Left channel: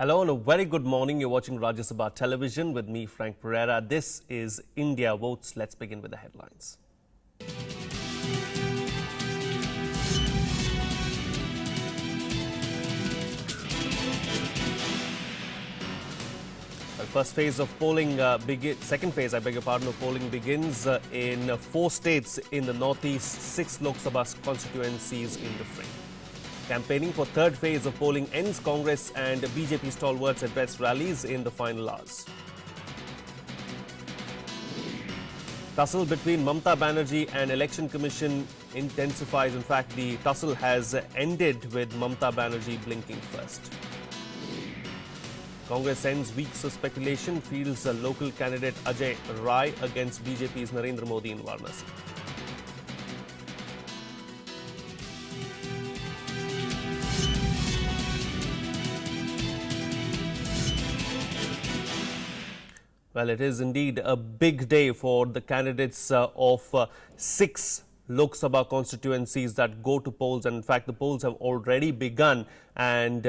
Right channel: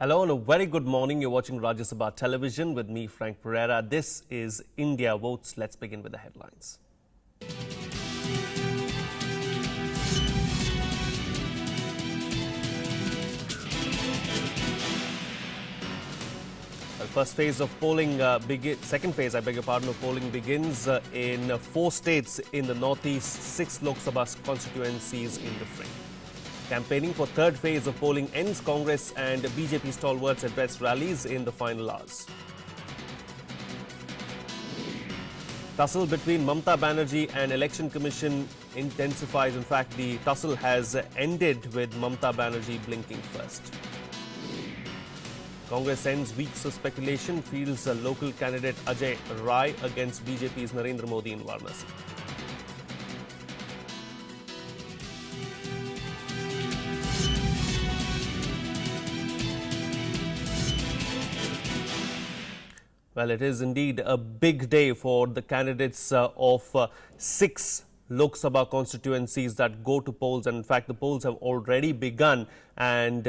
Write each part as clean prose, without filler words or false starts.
Hello and a very good morning. You're watching Rajya Sabha Television with me, Frank Pereira. This is India Votes. Let's begin with the headlines. The first phase of polling second phase, of polling begins in 4 states in the northeast, 6 Lok Sabha constituencies in the fray. Campaigning for third phase of polling ends. Congress and BJP stalwarts address rallies in the final hours. Tussle between Mamata Banerjee and Election Commission intensifies. In fact, the tussle has ended with Mamata Banerjee blinking first. Congress ends weeks of speculation, fields a local candidate Ajay Rai against BJP's Narendra Modi in Varanasi. Well, it is indeed a big day for the candidates of 6 Lok Sabha constituencies that go to polls, and in fact the polls have already begun, and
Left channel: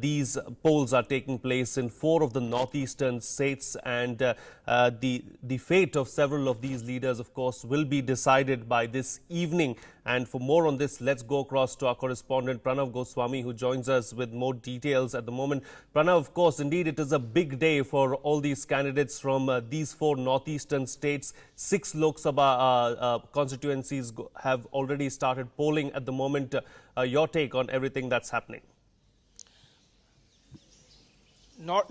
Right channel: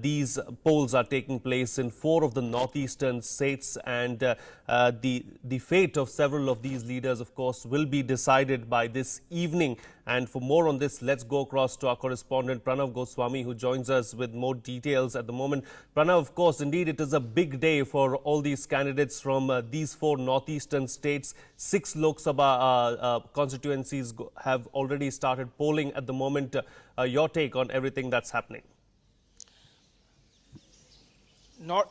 these polls are taking place in 4 of the northeastern states, and the fate of several of these leaders, of course, will be decided by this evening. And for more on this, let's go across to our correspondent Pranav Goswami, who joins us with more details at the moment. Pranav, of course, indeed it is a big day for all these candidates from these 4 northeastern states. 6 Lok Sabha constituencies have already started polling at the moment. Your take on everything that's happening?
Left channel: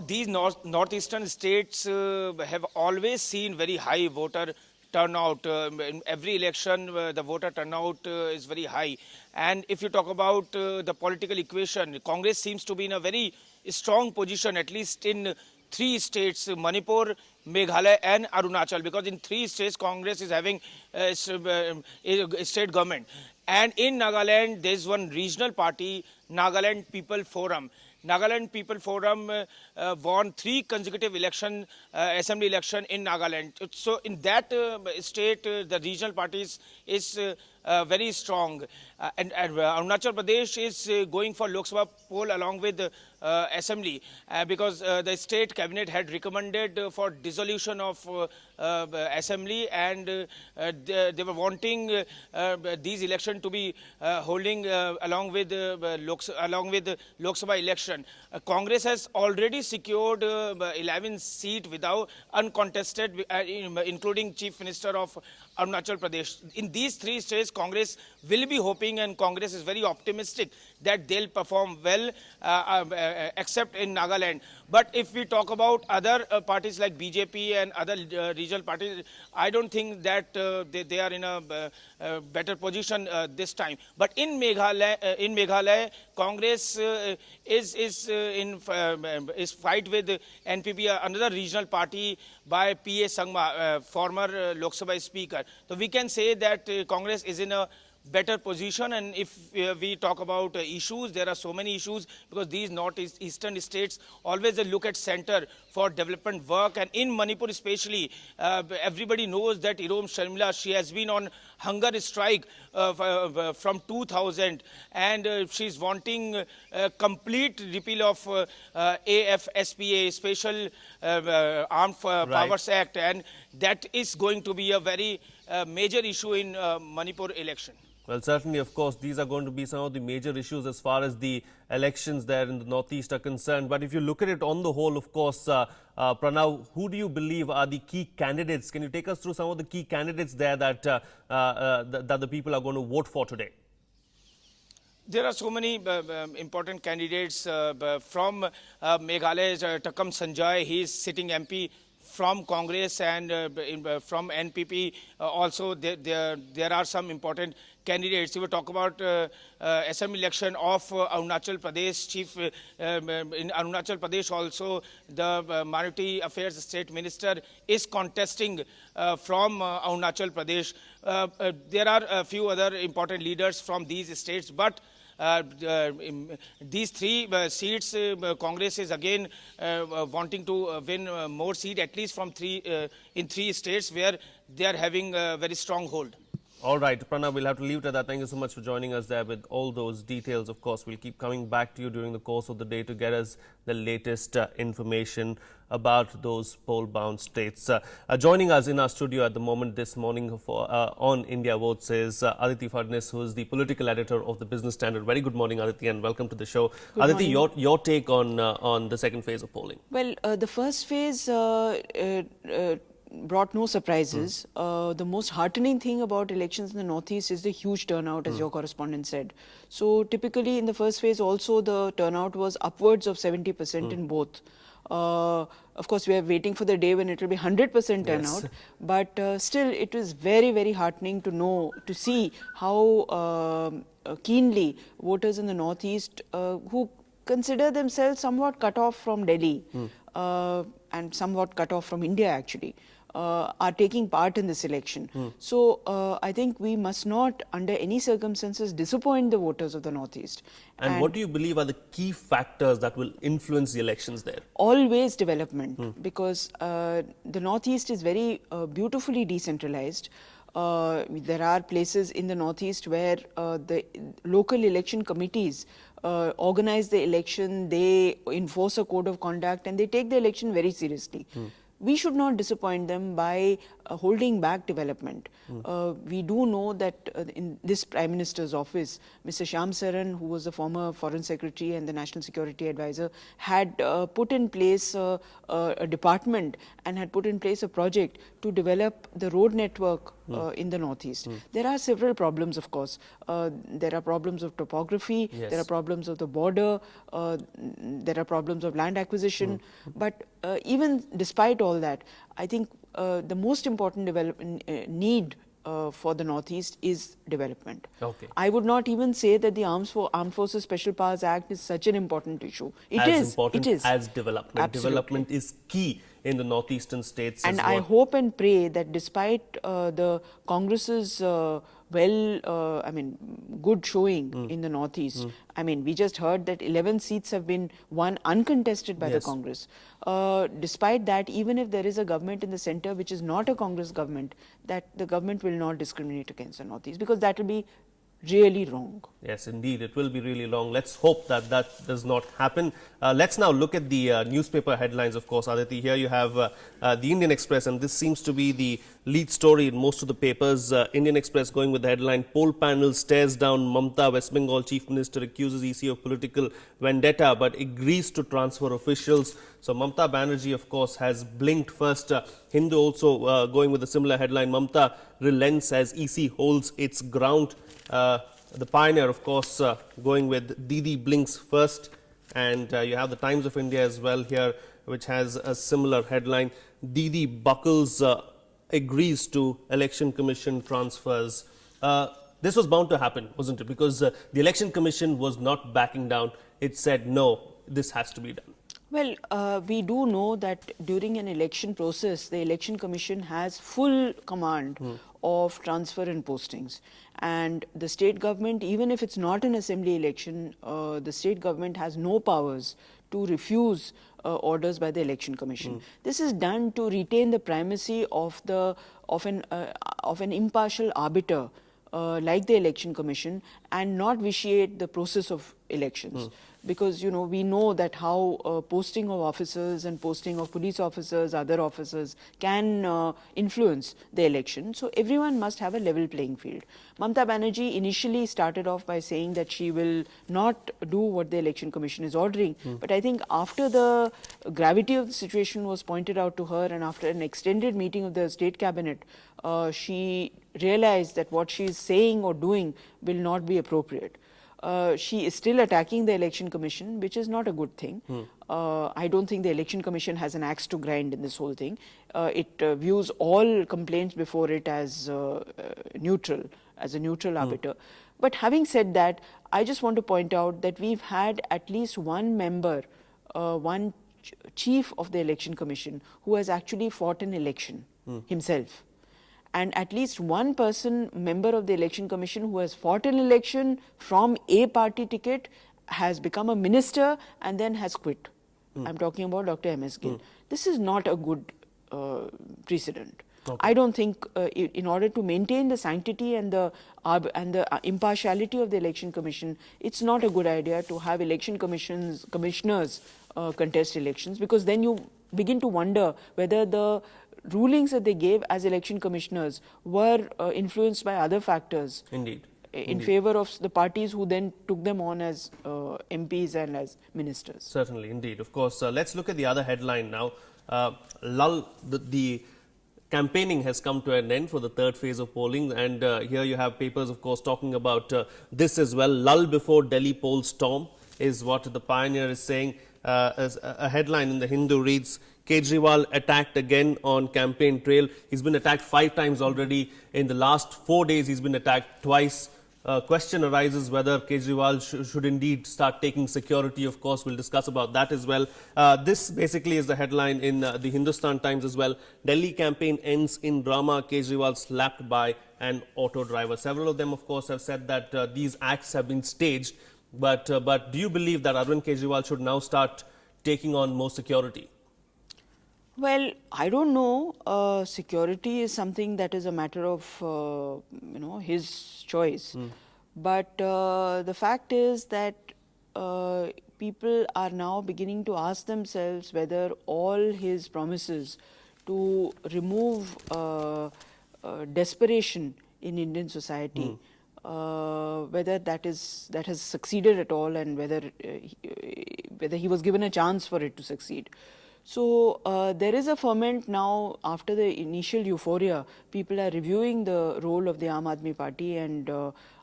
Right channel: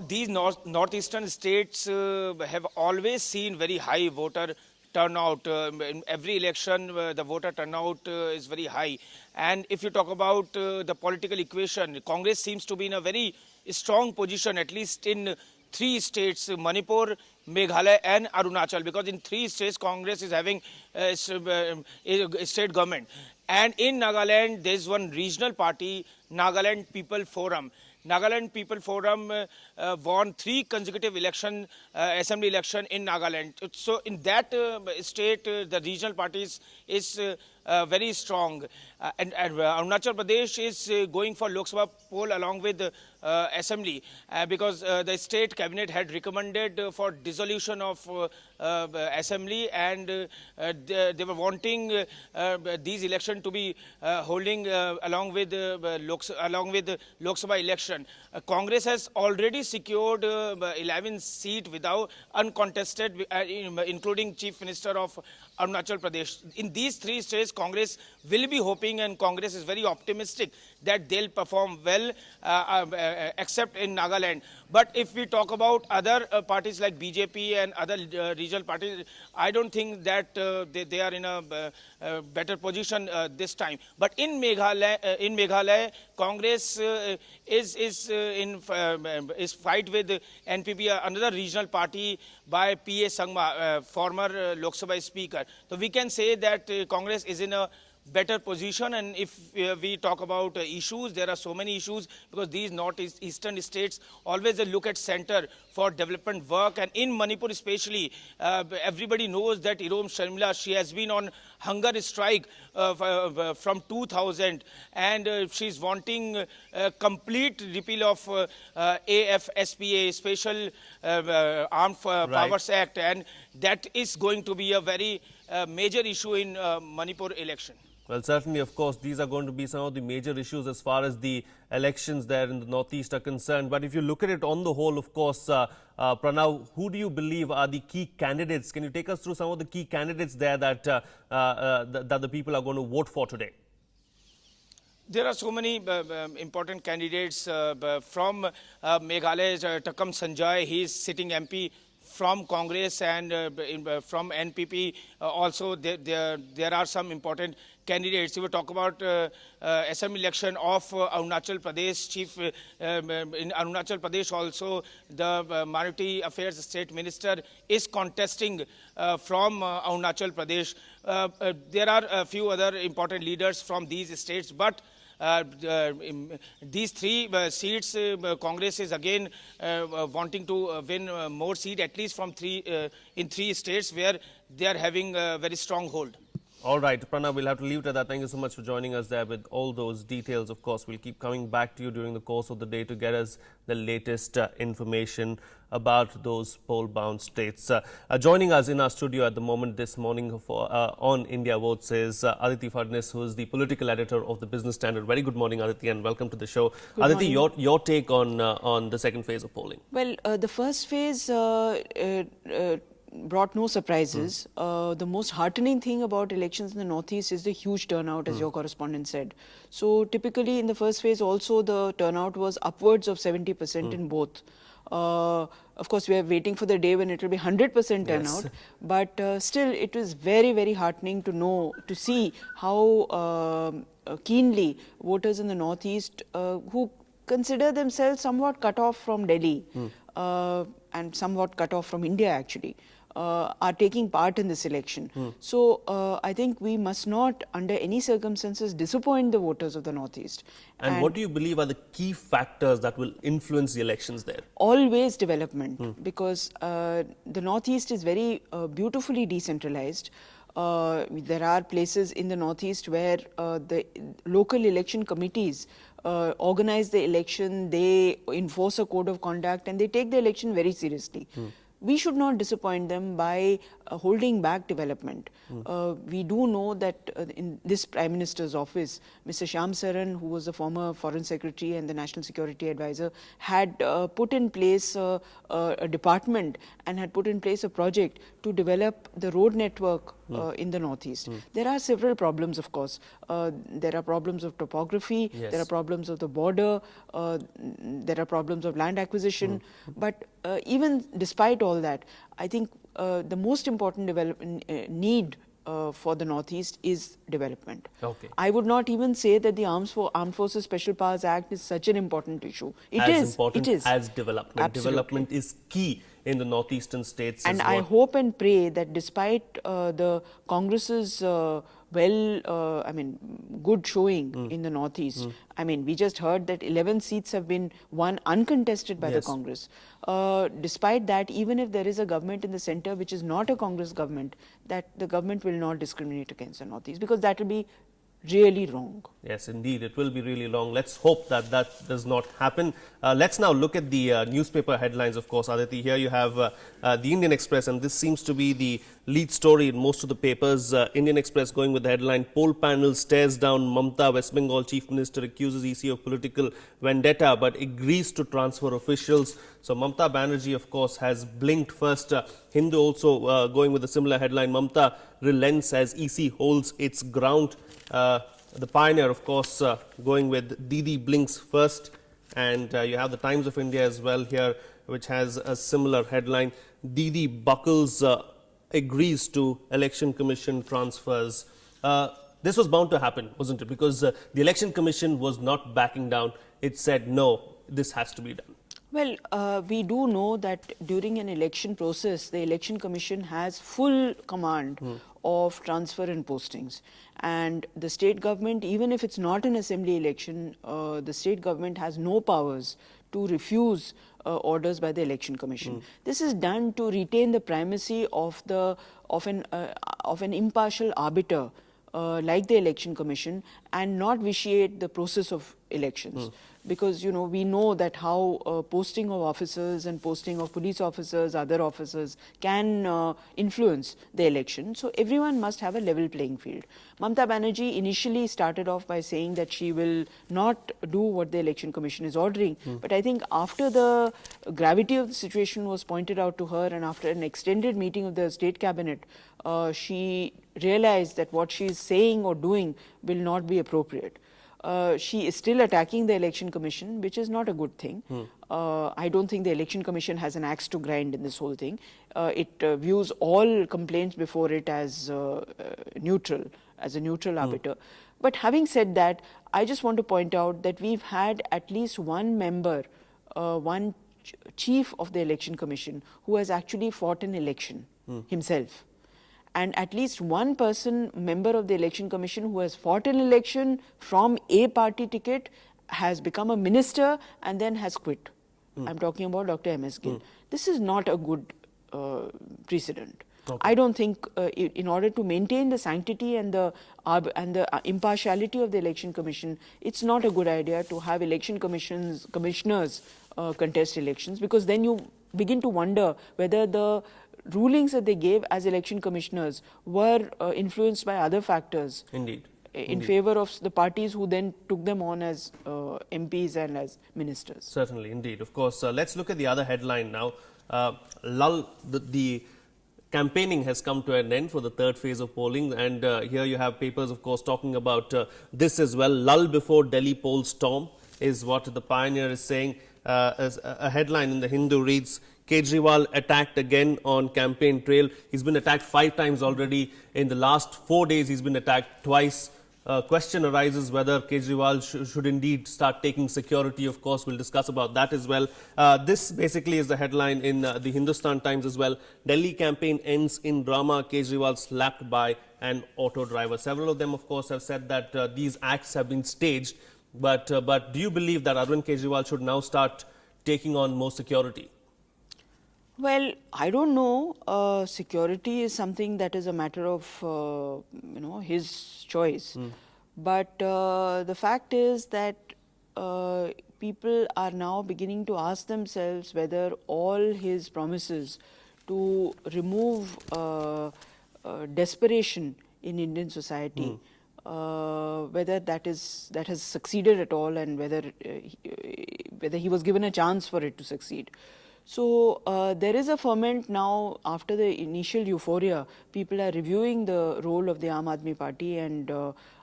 These northeastern states have always seen very high voter turnout. In every election, the voter turnout is very high. And if you talk about the political equation, Congress seems to be in a very strong position, at least in 3 states, Manipur, Meghalaya and Arunachal, because in 3 states, Congress is having a state government. And in Nagaland, there's one regional party, Nagaland People Forum. Nagaland People Forum won 3 consecutive assembly election in Nagaland. So in that state, the regional parties is very strong. And Arunachal Pradesh is going for Lok Sabha poll along with assembly because the state cabinet had recommended for dissolution of assembly, and they were wanting these elections to be holding along with Lok Sabha election. Congress has already secured 11 seats without uncontested, including Chief Minister of Arunachal Pradesh. In these 3 states, Congress will be hoping, and Congress is very optimistic that they'll perform well, except in Nagaland. But if we talk about other parties like BJP and other regional parties, I don't think that they are in a better position this time. But in Meghalaya, Congress is fight with NPP, another regional party by P.A. Sangma, former Lok Sabha Speaker. So we can say that Congress is in a better position. And if we talk about issues, there are so many issues, because these northeastern states always look at center for development work. And in Manipur especially, everybody knows that Irom Sharmila, she has been on hunger strike from 2000, and she's wanting complete repeal of AFSPA, Special Armed Powers Act, and that is going to be a very major issue in Manipur election. Well, certainly, of course, these are going to be some of the major issues as far as the elections there in the Northeast are concerned. But if you look at it on the whole, of course, Pranav, who do you believe are the key candidates? Can you take us through some of the key candidates there that the people are going to vote for today? There are so many important candidates from Meghalaya. Takam Sanjay, he is sitting MP from Congress, and from NPP also there are some important candidates. If we talk about assembly election of Arunachal Pradesh, in Arunachal Pradesh also the Minority Affairs State Minister is contesting from Arunachal Pradesh. There are a few other important leaders from these states, but these 3 seats, Congress is again wanting to win more seats, at least from in 3 states where they are having a very strong hold. All right, Pranav, we'll have to leave it at that. Thank you so much for joining us there with all those details. Of course, we'll keep coming back to you during the course of the day to get us the latest information about those poll-bound states. Joining us in our studio at the moment this morning for on India Votes is Aditi Fadnis, who is the political editor of the Business Standard. Very good morning, Aditi, and welcome to the show. Good Aditi, morning. your take on the second phase of polling. Well, the first phase brought no surprises. The most heartening thing about elections in the Northeast is the huge turnout, as your correspondent said. So typically in the first phase also the turnout was upwards of 70% in both. Of course, we are waiting for the day when it will be 100% turnout, but still it was very, very heartening to see how keenly voters in the Northeast who consider themselves somewhat cut off from Delhi and somewhat cut off from India actually, are taking part in this election. So I think we must not under any circumstances disappoint the voters of the Northeast. And what do you believe are the key factors that will influence the elections there? Always development, because the Northeast is very beautifully decentralized. There are places in the Northeast where the local election committees organize the election, they enforce a code of conduct, and they take the election very seriously. We should not disappoint them by holding back development. We do know that in this Prime Minister's office, Mr. Shyam Saran, who was the former Foreign Secretary and the National Security Advisor, had put in place a department and had put in place a project to develop the road network in the Northeast. There are several problems, of course. There are problems of topography, there are problems of the border, there are problems of land acquisition. But even despite all that, I think the most important development need for the Northeast is development. Okay. I would not even say that the Armed Forces Special Powers Act is such an important issue. It is. Important It is. as development. Absolutely. Development is key in the northeastern states. And is I what- hope and pray that despite the Congress's good showing in the Northeast. I mean, we just heard that 11 seats have been won uncontested by the Congress. Despite that, even if there is a government in the center which is not a Congress government, that the government will not discriminate against the Northeast, because that will be really wrong. Yes, indeed, it will be really long. Let's hope that that does not happen. Let's now look at the newspaper headlines, of course, Aditi. Here you have the Indian Express, and this seems to be the lead story in most of the papers. Indian Express going with the headline, Poll Panel stares down Mamta, West Bengal Chief Minister accuses EC of political vendetta but agrees to transfer officials. So Mamta Banerjee, of course, has blinked first. Hindu also going with a similar headline, Mamta relents as EC holds its ground. The Pioneer, of course, going with Didi blinks first. And you have the Times of India as well here, which has a similar headline. Didi buckles, agrees to Election Commission transfers. This was bound to happen, wasn't it? Because the Election Commission was not backing down. It said, no, this has to be done. Well, we do know that during an election process, the Election Commission has full command of transfer and postings. And the state government, even if it's not an assembly election, the state government has no powers to refuse orders by the Election Commission. This is done to retain the primacy of an impartial arbiter like the Election Commission, and not vitiate the process of elections. Because, you know, we know that how posting of officers and posting of police officers, other officers can influence the election. So everyone must have a level playing field. Mamta Banerjee initially started off by saying that she will not do what the Election Commission is ordering. But I think after the gravity of the situation was pointed out to her, and after an extended meeting of the state cabinet, she realized that what she is saying or doing will not be appropriate. She is still attacking the Election Commission, which is not a good thing. I don't think the Election Commission has an axe to grind in this whole thing. It views all complaints before it as neutral, as a neutral arbiter. But having said that, I just want to point out that we've had at least one member, one chief of the Election Commission, who has actually fought an election himself. And at least one person, member of the Election Commission, who has fought an election from a party ticket, has become a minister and then has quit. I'm talking about Dr. M.S. Gill. This is not a good precedent. I don't think, in order to maintain the sanctity and the impartiality of the election commission, it's not a good idea to have commissioners contest elections, because then you begin to wonder whether the rulings that they gave as election commissioners were influenced by other factors. Indeed. In favor of the parties who then took them on as MPs and as ministers. Certainly, indeed. Of course, let's look at the other headline now. The campaigning has come to an end for the third phase of polling, and here you have papers, of course, talking about this as well. Lull before Delhi poll storm is what the Pioneer is saying. As a headline in the Hindu reads, Kejriwal attacked again on campaign trail. He's been attacked 5 times already. In the last 4 days, he's been attacked twice. Question arises whether Kejriwal should indeed start taking security. Of course, we'll discuss about that as well. This basically is the headline in the Hindustan Times as well. Delhi campaign ends in drama. Kejriwal slapped by an auto driver. Several of them, of course, have said that these acts have been staged. But do you believe that Arvind Kejriwal should now start taking on more security? Well, I don't know. Security is something that is a matter of, his choice. But the fact is that people are now beginning to ask themselves whether all his promises to remove desperation in Indian society, whether that has succeeded at all, and whether he was given a chance for it to succeed. So there is a ferment now after the initial euphoria. People are reviewing the role of the Aam Aadmi Party, and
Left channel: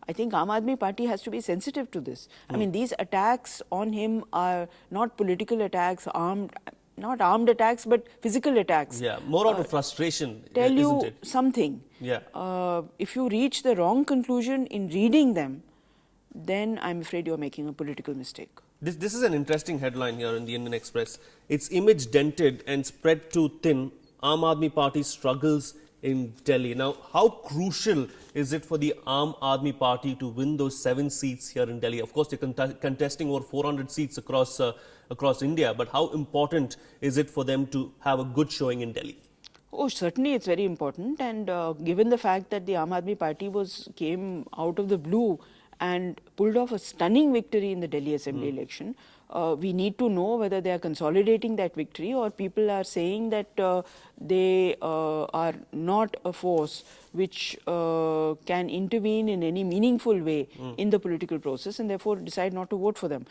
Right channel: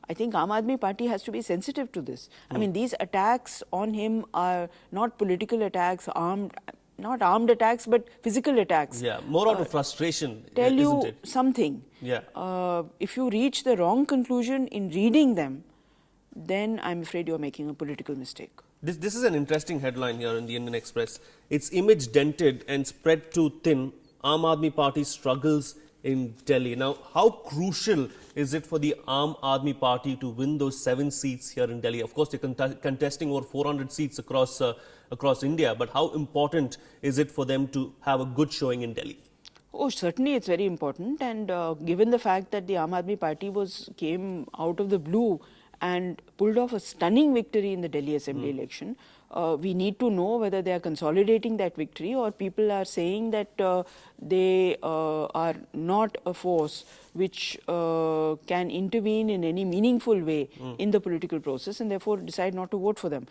I think Aam Aadmi Party has to be sensitive to this. I mean, these attacks on him are not political attacks, not armed attacks, but physical attacks. Yeah, more out of frustration, Tell isn't you it? something. Yeah. If you reach the wrong conclusion in reading them, then I'm afraid you're making a political mistake. This is an interesting headline here in the Indian Express. Its image dented and spread too thin. Aam Aadmi Party struggles in Delhi. Now, how crucial is it for the Aam Aadmi Party to win those 7 seats here in Delhi? Of course, they're contesting over 400 seats across India, but how important is it for them to have a good showing in Delhi? Oh, certainly it's very important, and given the fact that the Aam Aadmi Party came out of the blue and pulled off a stunning victory in the Delhi Assembly election, we need to know whether they are consolidating that victory, or people are saying that they are not a force which can intervene in any meaningful way in the political process, and therefore decide not to vote for them.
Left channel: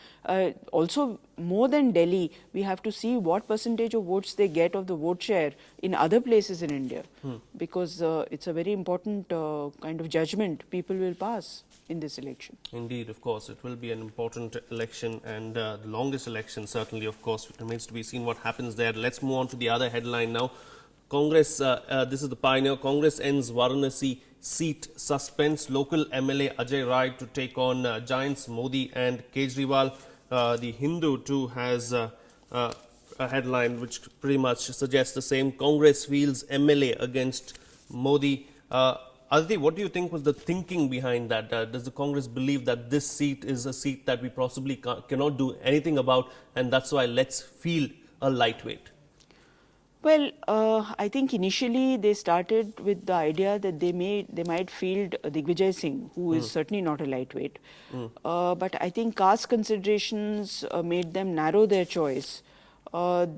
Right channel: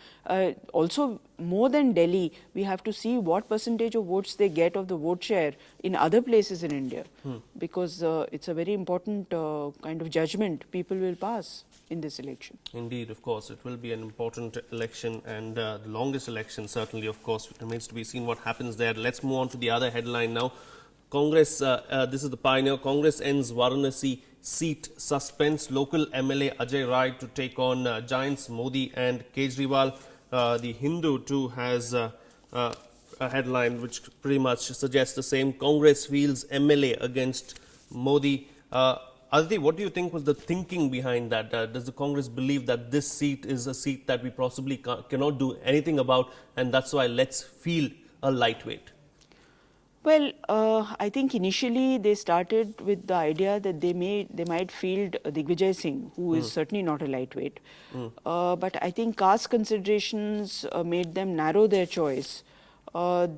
Also, more than Delhi, we have to see what percentage of votes they get of the vote share in other places in India, because it's a very important kind of judgment people will pass in this election. Indeed, of course, it will be an important election, and the longest election, certainly, of course. It remains to be seen what happens there. Let's move on to the other headline now. Congress, this is the Pioneer. Congress ends Varanasi seat suspense. Local MLA Ajay Rai to take on giants Modi and Kejriwal. The Hindu too has a headline which pretty much suggests the same. Congress fields MLA against Modi. Aditi, what do you think was the thinking behind that? Does the Congress believe that this seat is a seat that we possibly cannot do anything about, and that's why let's feel a lightweight? Well, I think initially they started with the idea that they might field Digvijay Singh, who is certainly not a lightweight. But I think caste considerations made them narrow their choice.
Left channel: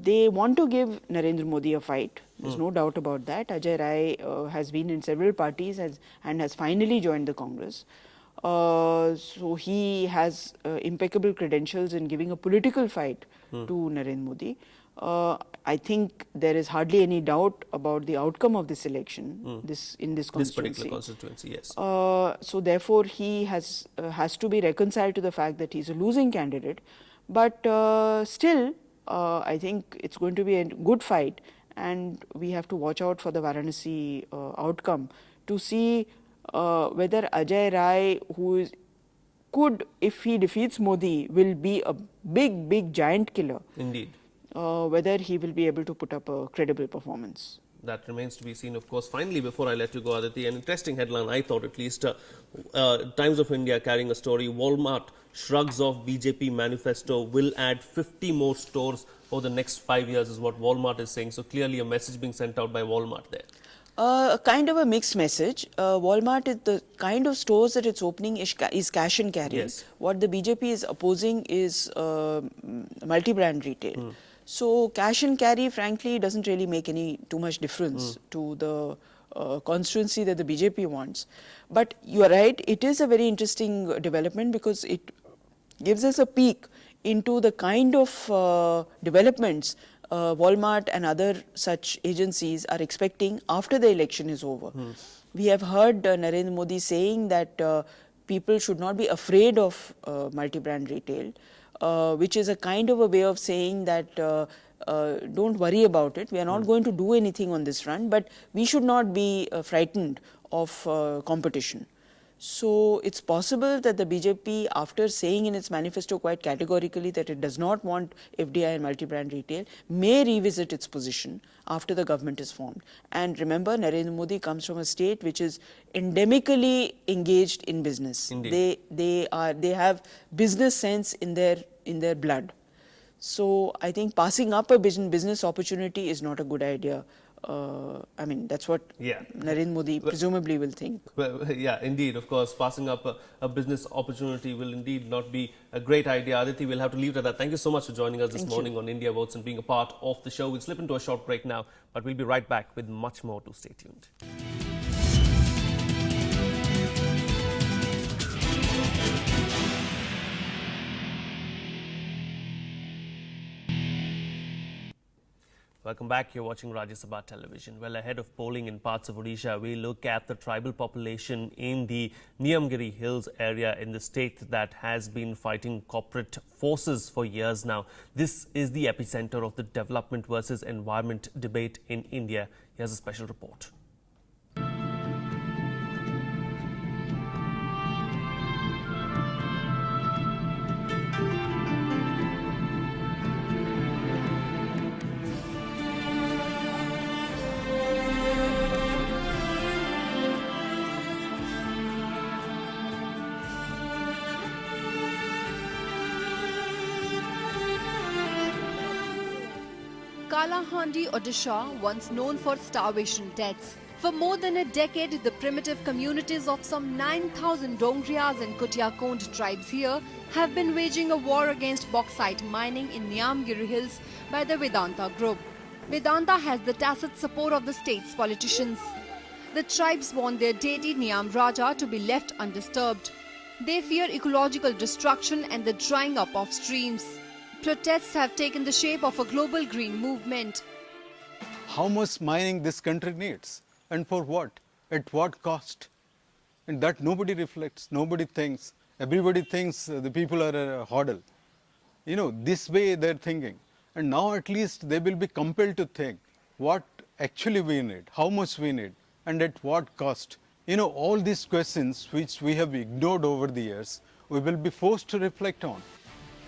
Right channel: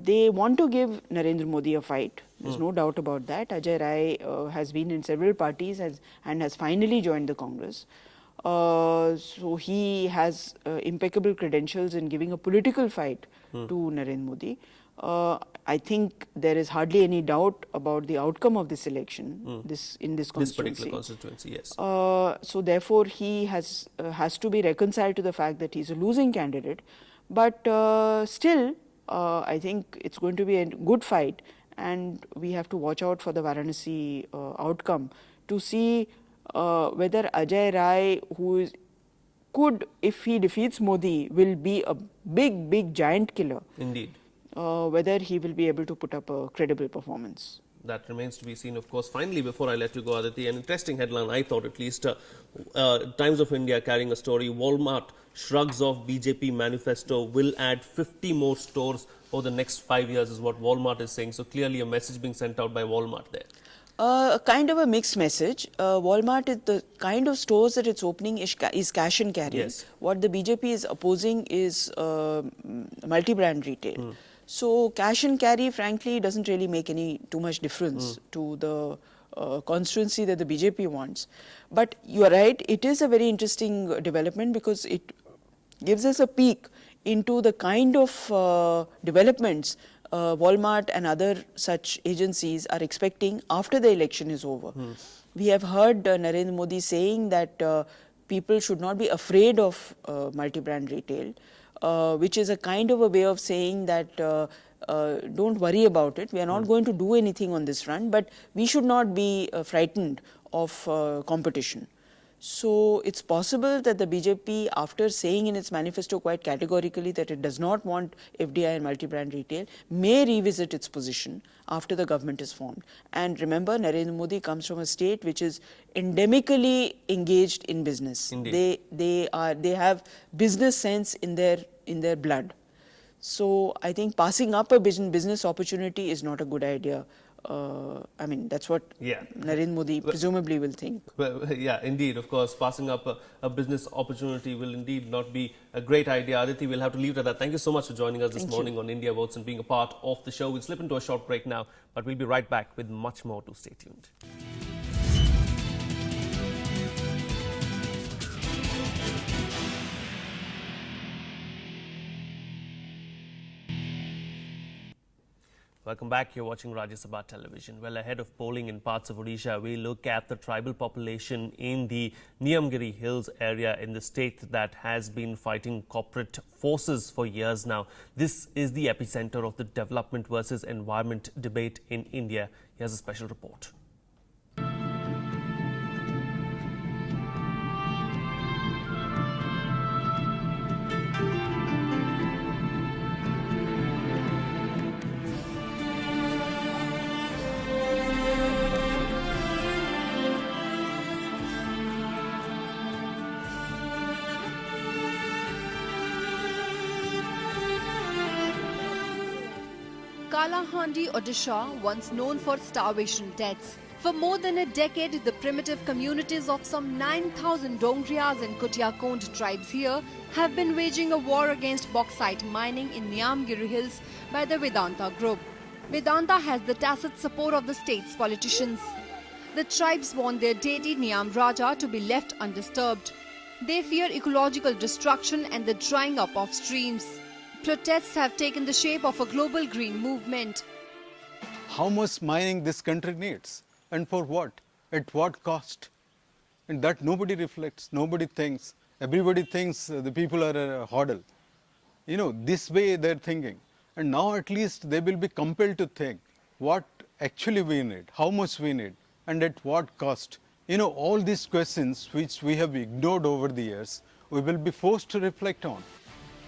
They want to give Narendra Modi a fight. There's no doubt about that. Ajay Rai has been in several parties and has finally joined the Congress. So he has impeccable credentials in giving a political fight to Narendra Modi. I think there is hardly any doubt about the outcome of this election, in this constituency. This particular constituency, yes. So therefore, he has to be reconciled to the fact that he's a losing candidate. But still, I think it's going to be a good fight, and we have to watch out for the Varanasi outcome to see whether Ajay Rai, could, if he defeats Modi, will be a big giant killer. Indeed. Whether he will be able to put up a credible performance. That remains to be seen, of course. Finally, before I let you go, Aditi, an interesting headline, I thought at least, Times of India carrying a story, Walmart shrugs off BJP manifesto, will add 50 more stores over the next 5 years, is what Walmart is saying. So clearly a message being sent out by Walmart there. Kind of a mixed message. Walmart, the kind of stores that it's opening is cash and carry. Yes. What the BJP is opposing is multi-brand retail. So cash and carry, frankly, doesn't really make too much difference to the constituency that the BJP wants. But you're right, it is a very interesting development because it gives us a peek into the kind of developments Walmart and other such agencies are expecting after the election is over. We have heard Narendra Modi saying that people should not be afraid of multi-brand retail, which is a kind of a way of saying that don't worry about it. We are not going to do anything on this front, but we should not be frightened of competition. So it's possible that the BJP, after saying in its manifesto quite categorically that it does not want FDI and multi-brand retail, may revisit its position after the government is formed. And remember, Narendra Modi comes from a state which is endemically engaged in business. Indeed. They have business sense in their blood. So I think passing up a business opportunity is not a good idea. I mean, that's what Narendra Modi presumably will think. Well, yeah, indeed. Of course, passing up a business opportunity will indeed not be a great idea. Aditi, we'll have to leave it at that. Thank you so much for joining us this morning on India Votes and being a part of the show. We'll slip into a short break now, but we'll be right back with much more to stay tuned. Welcome back. You're watching Rajya Sabha television. Well, ahead of polling in parts of Odisha, we look at the tribal population in the Niyamgiri Hills area in the state that has been fighting corporate forces for years now. This is the epicenter of the development versus environment debate in India. Here's a special report. Kalahandi, Odisha, once known for starvation deaths. For more than a decade, the primitive communities of some 9,000 Dongriyas and Kutiakond tribes here have been waging a war against bauxite mining in Niyamgiri Hills by the Vedanta group. Vedanta has the tacit support of the state's politicians. The tribes want their deity Niyam Raja to be left undisturbed. They fear ecological destruction and the drying up of streams. Protests have taken the shape of a global green movement. How much mining this country needs and for what, at what cost? And that nobody reflects, nobody thinks. Everybody thinks the people are a hodl. You know, this way they're thinking. And now at least they will be compelled to think what actually we need, how much we need, and at what cost. You know, all these questions which we have ignored over the years, we will be forced to reflect on.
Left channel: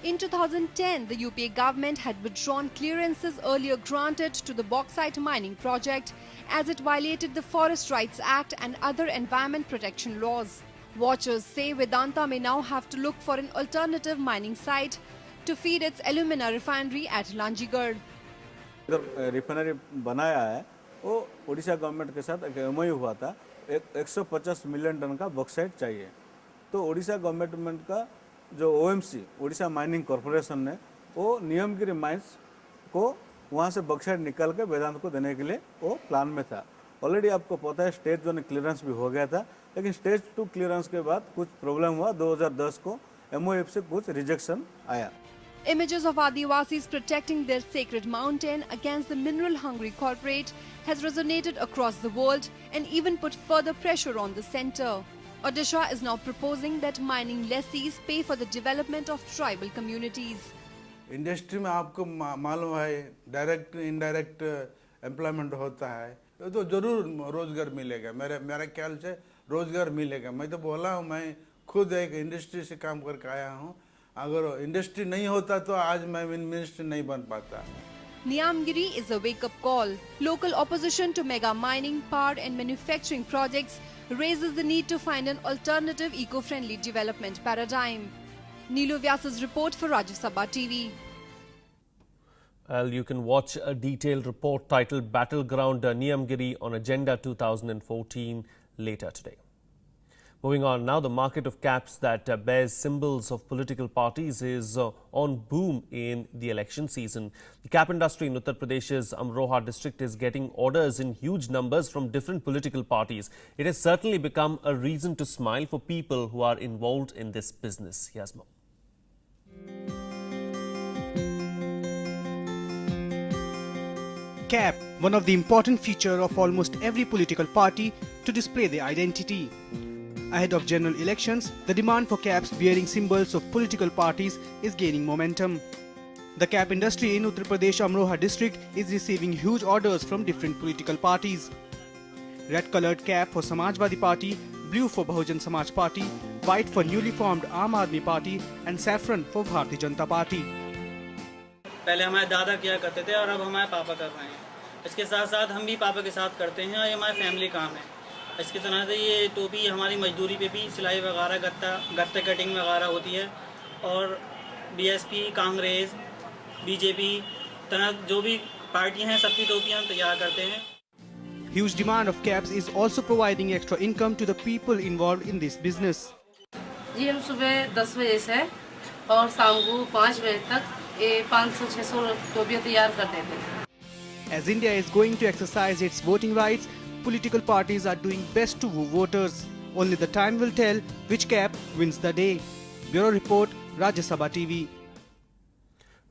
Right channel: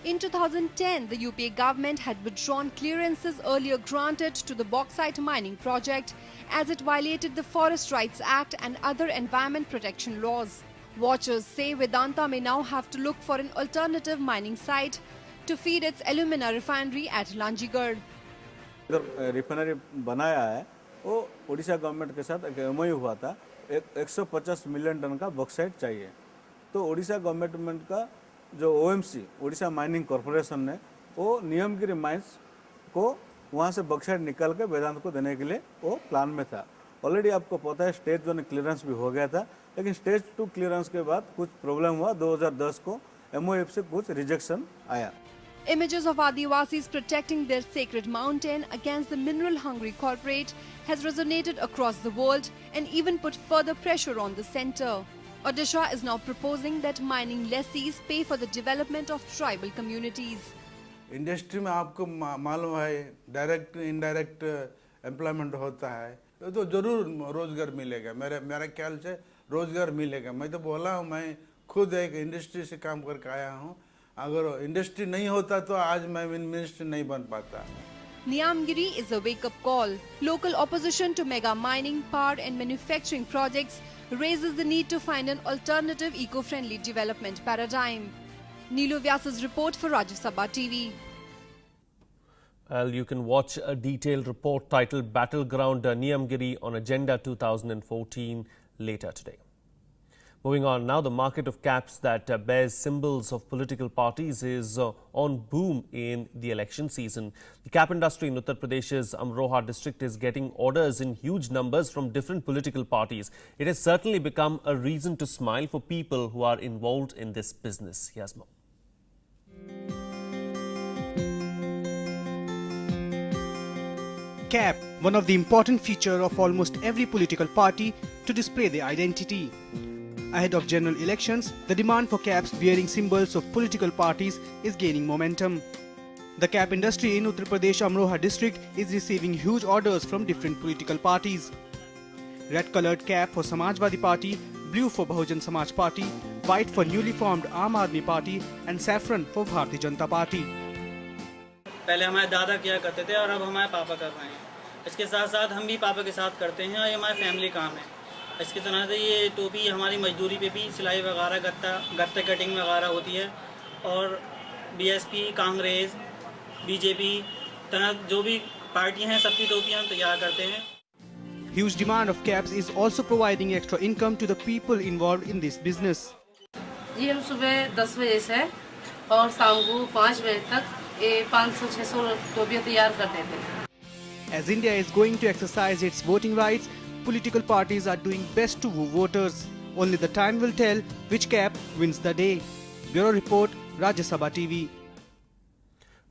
In 2010, the UPA government had withdrawn clearances earlier granted to the bauxite mining project as it violated the Forest Rights Act and other environment protection laws. Watchers say Vedanta may now have to look for an alternative mining site to feed its alumina refinery at Lanjigarh. जो refinery बनाया है वो Orissa government के साथ एक MOU हुआ था 150 million ton का बॉक्साइट चाहिए तो उड़ीसा गवर्नमेंट का जो ओएमसी उड़ीसा माइनिंग कॉरपोरेशन ने वो नियमगिरी माइंस को वहाँ से बॉक्साइट निकाल के वेदांत को देने के लिए वो प्लान में था ऑलरेडी आपको पता है स्टेज 1 क्लियरेंस भी हो गया था लेकिन स्टेज 2 क्लियरेंस के बाद कुछ प्रॉब्लम हुआ 2010 को एमओएफ से कुछ रिजेक्शन आया. Images of Adivasis protecting their sacred mountain against the mineral-hungry corporate has resonated across the world and even put further pressure on the centre. Odisha is now proposing that mining lessees pay for the development of tribal communities. Industry में आपको मालूम है direct indirect employment होता है तो जरूर रोजगार मिलेगा मेरा ख्याल से रोजगार मिलेगा. मैं तो बोला हूँ मैं खुद एक इंडस्ट्री से काम करके आया हूँ. अगर इंडस्ट्री नहीं होता तो आज मैं मिनिस्टर नहीं बन पाता. Niyamgiri is a wake-up call. Local opposition to mega mining, power and manufacturing projects raises the need to find an alternative eco-friendly development paradigm. Neelu Vyas's report for Rajya Sabha TV. Well, you can watch a detailed report titled Battleground Niyamgiri on Agenda 2014 later today. Moving on now, the market of caps that bears symbols of political parties is on boom in the election season. The cap industry in Uttar Pradesh's Amroha district is getting orders in huge numbers from different political parties. It has certainly become a reason to smile for people who are involved in this business. Here's more. Cap, one of the important features of almost every political party to display their identity. Ahead of general elections, the demand for caps bearing symbols of political parties is gaining momentum. The cap industry in Uttar Pradesh Amroha district is receiving huge orders from different political parties. Red-colored cap for Samajwadi Party, blue for Bahujan Samaj Party, white for newly formed Aam Aadmi Party and saffron for Bharatiya Janata Party. पहले हमारे दादा किया करते थे और अब हमारे पापा कर रहे हैं। इसके साथ साथ हम भी पापा के साथ करते हैं और ये हमारा फैमिली काम है। इसके तरह से ये टोपी हमारी मजदूरी पे भी सिलाई वगैरह गत्ते कटिंग वगैरह होती है और बीएसपी, कांग्रेस, बीजेपी तरह जो भी पार्टी हैं सबकी टोपी हम तैयार करते हैं। Huge demand of caps is also providing extra income to the people involved in this business. जी हम सुबह 10 बजे से और शाम को 5 बजे तक 500-600 टोपियां तैयार कर देते हैं। As India is going to exercise its voting rights, political parties are doing best to woo voters. Only the time will tell which cap wins the day. Bureau Report, Rajya Sabha TV.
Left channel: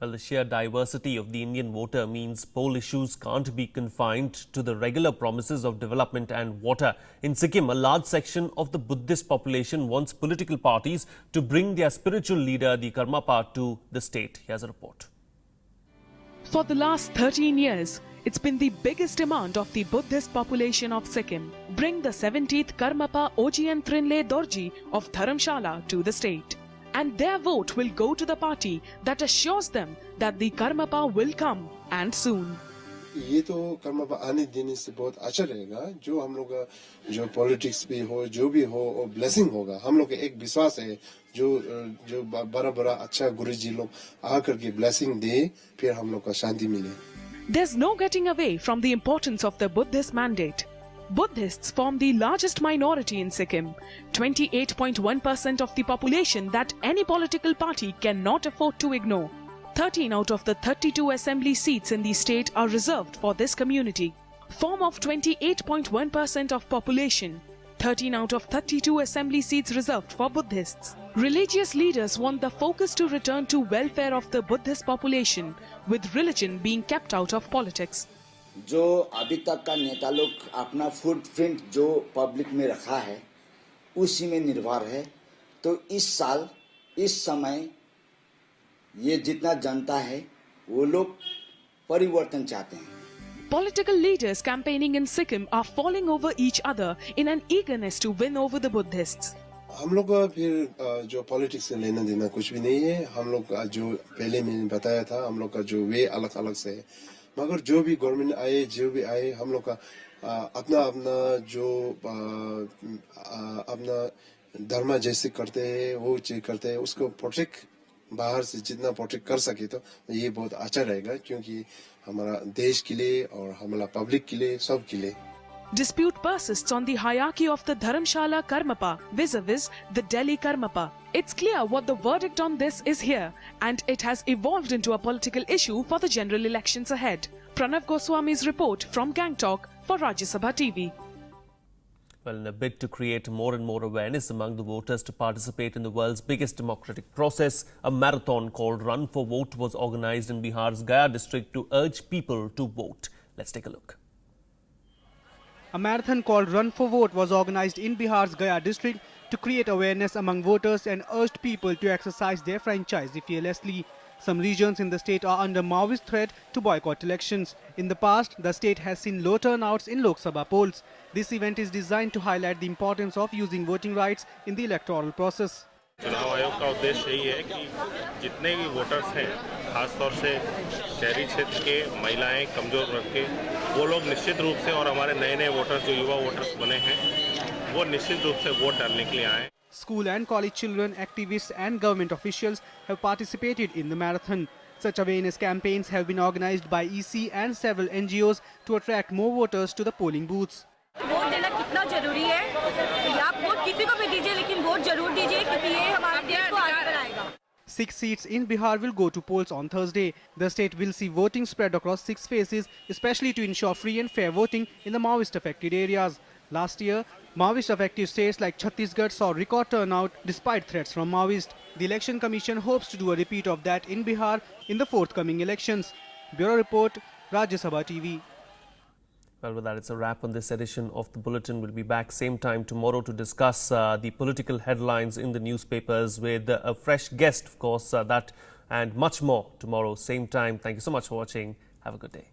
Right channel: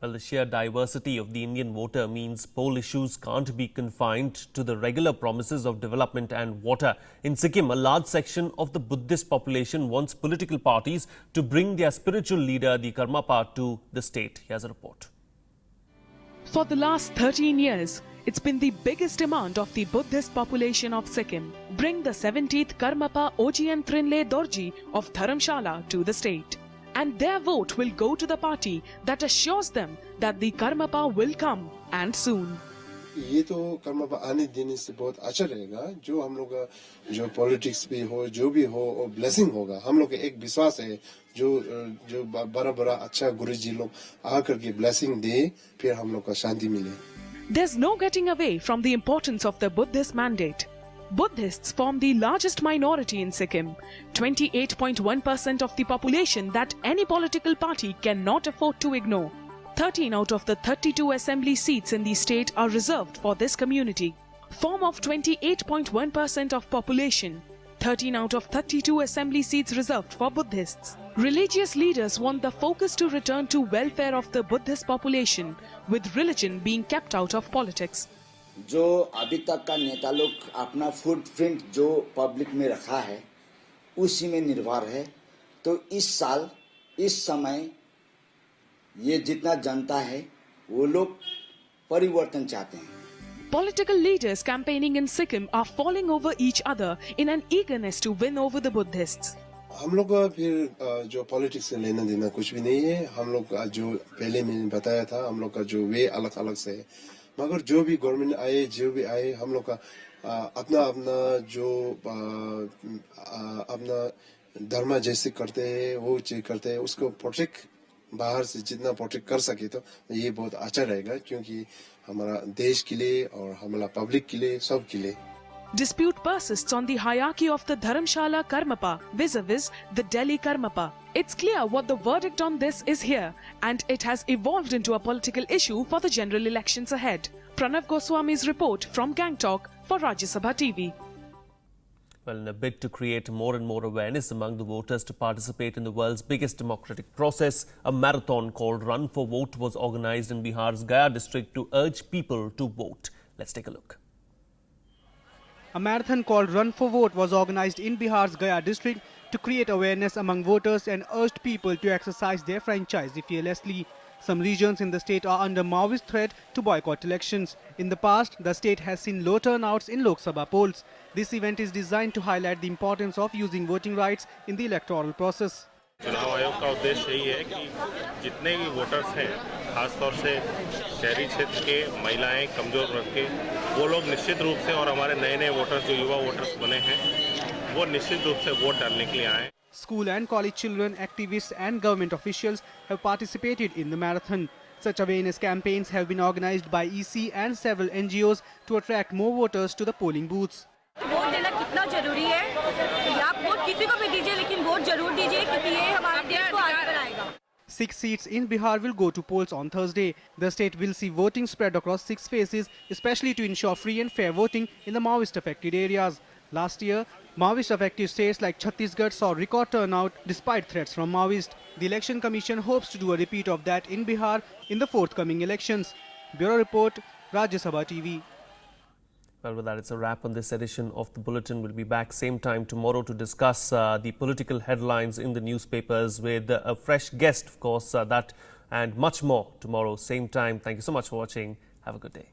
Well, the sheer diversity of the Indian voter means poll issues can't be confined to the regular promises of development and water. In Sikkim, a large section of the Buddhist population wants political parties to bring their spiritual leader, the Karmapa, to the state. Here's a report. For the last 13 years, it's been the biggest demand of the Buddhist population of Sikkim. Bring the 17th Karmapa Ojian Trinle Dorji of Dharamshala to the state. And their vote will go to the party that assures them that the Karmapa will come and soon. ये तो कर्मपा आने देने से बहुत अच्छा रहेगा जो हम लोग जो पॉलिटिक्स भी हो जो भी हो और ब्लेसिंग होगा हम लोग एक विश्वास है जो बड़ा अच्छा गुरुजी लोग आकर के ब्लेसिंग दे फिर हम लोग को शांति मिले. There's no getting away from the importance of the Buddhist mandate. Buddhists form the largest minority in Sikkim, 28.1% of the population that any political party cannot afford to ignore. 13 out of the 32 assembly seats in the state are reserved for this community. Form of 28.1% of population, 13 out of 32 assembly seats reserved for Buddhists. Religious leaders want the focus to return to welfare of the Buddhist population, with religion being kept out of politics. जो अभी तक का नेता लोग अपना footprint जो public में रखा है उसी में निर्भर है तो इस साल इस समय ये जितना जनता है वो लोग परिवर्तन चाहते हैं. Political leaders campaigning in Sikkim are falling over each other in an eagerness to win over the Buddhists. हम लोग का फिर जो पॉलिटिक्स से लेना देना कुछ भी नहीं है. हम लोग का जो पहले मैंने बताया था हम लोग का जो वे अलग अलग से है मगर जो भी गवर्नमेंट आए जो भी आए हम लोग का अपना जो अपना धर्म जैसे करते हैं वो चीज करते हैं उसको प्रोटेक्ट बाहर से जितना प्रोटेक्ट कर सके तो ये बहुत अच्छा रहेगा क्योंकि हमारा देश के लिए और हमारा पब्लिक के लिए सब के लिए. Dispute persists on the hierarchy of the Dharamshala Karmapa vis-a-vis the Delhi Karmapa. It's clear what the verdict on this is here, and it has evolved into a political issue for the general elections ahead. Pranav Goswami's report from Gangtok for Rajya Sabha TV. Well, in a bid to create more and more awareness among the voters to participate in the world's biggest democratic process, a marathon called Run for Vote was organized in Bihar's Gaya district to urge people to vote. Let's take a look. A marathon called Run for Vote was organized in Bihar's Gaya district to create awareness among voters and urged people to exercise their franchise fearlessly. Some regions in the state are under Maoist threat to boycott elections. In the past, the state has seen low turnouts in Lok Sabha polls. This event is designed to highlight the importance of using voting rights in the electoral process. चुनाव आयोग का उद्देश्य यही है कि जितने भी voters हैं खासतौर से शहरी क्षेत्र के महिलाएं कमजोर वर्ग के वो लोग निश्चित रूप से और हमारे नए वोटर्स जो युवा वोटर्स बने हैं वो निश्चित रूप से वोट डालने के लिए आए. School and college children, activists and government officials have participated in the marathon. Such awareness campaigns have been organized by EC and several NGOs to attract more voters to the polling booths. Vote देना कितना जरूरी है कि आप vote किसी को भी दीजिए लेकिन वोट जरूर दीजिए क्योंकि ये हमारे देश को आगे बढ़ाएगा. 6 seats in Bihar will go to polls on Thursday. The state will see voting spread across 6 phases, especially to ensure free and fair voting in the Maoist-affected areas. Last year, Maoist-affected states like Chhattisgarh saw record turnout despite threats from Maoists. The Election Commission hopes to do a repeat of that in Bihar in the forthcoming elections. Bureau Report, Rajya Sabha TV. Well, with that, it's a wrap on this edition of the Bulletin. We'll be back same time tomorrow to discuss the political headlines in the newspapers with a fresh guest, of course, that and much more tomorrow, same time. Thank you so much for watching. Have a good day.